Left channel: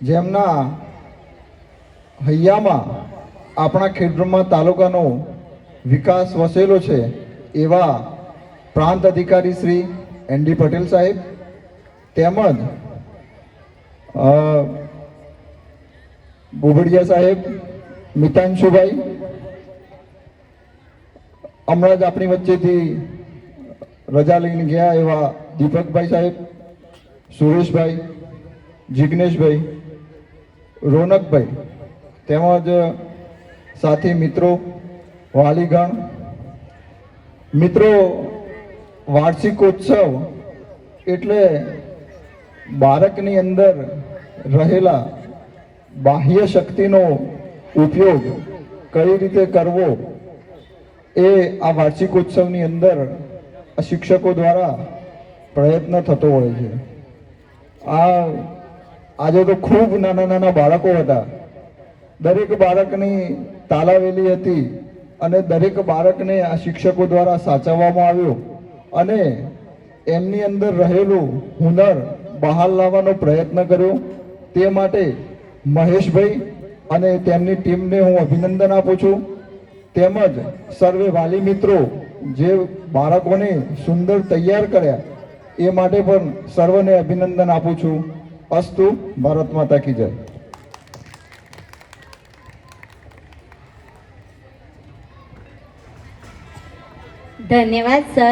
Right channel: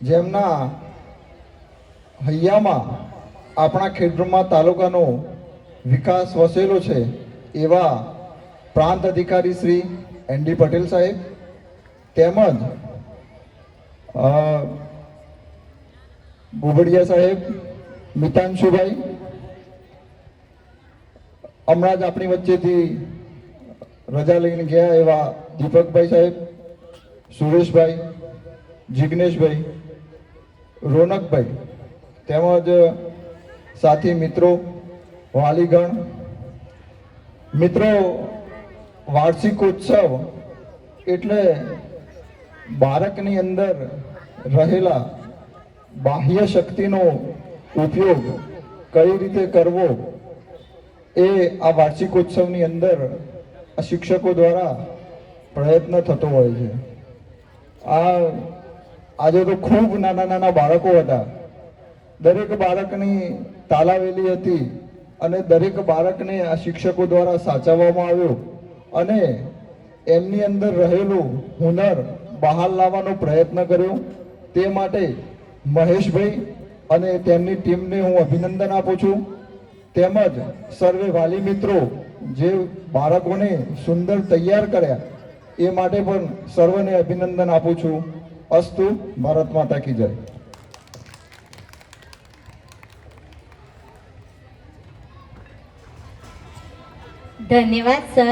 જેમના હૈયામાં આપણા ખેડબ્રહ્મા તાલુકાનો વિકાસ વસેલો છે એવા પ્રાંત અધિકારી શ્રી એનડી પટેલ સાહેબ તેમજ બોબડિયા સાહેબ, મિતાંશુભાઈ, હમણાં જ આપણી વચ્ચેથી રજા લઈને ગયા એવા દીપકભાઈ સાહેબ, સુરેશભાઈ, જિગ્નેશભાઈ, રોનકભાઈ તેમજ સાથી મિત્રો, વાલીગણ, મિત્રો, વાર્ષિકોત્સવ એટલે બાળકની અંદર રહેલા બાહ્ય શક્તિનો ઉપયોગ કઈ રીતે કરવો એ આ વાર્ષિકોત્સવની અંદર શિક્ષકો દ્વારા પ્રયત્ન થતો હોય છે. આજે તો ખૂબ નાના નાના બાળકો હતા. દરેક બાળકની તાલાવેલી હતી અને દરેક બાળકને આ શિક્ષકો દ્વારા સાચવવામાં આવ્યો અને એમની અંદર રહેલું હુનર બહાર લાવવાનો પ્રયત્ન કર્યો. તે માટે મહેશભાઈ અને તેમની ટીમને હું અભિનંદન આપું છું. તેમજ સર્વે વાલી મિત્રો જે બાળકોને સુંદર તૈયાર કર્યા એ માટે પણ સર્વને અભિનંદન આપું છું. અસ્તુ. ભારત માતા કી જય. ધન્યવાદ સર.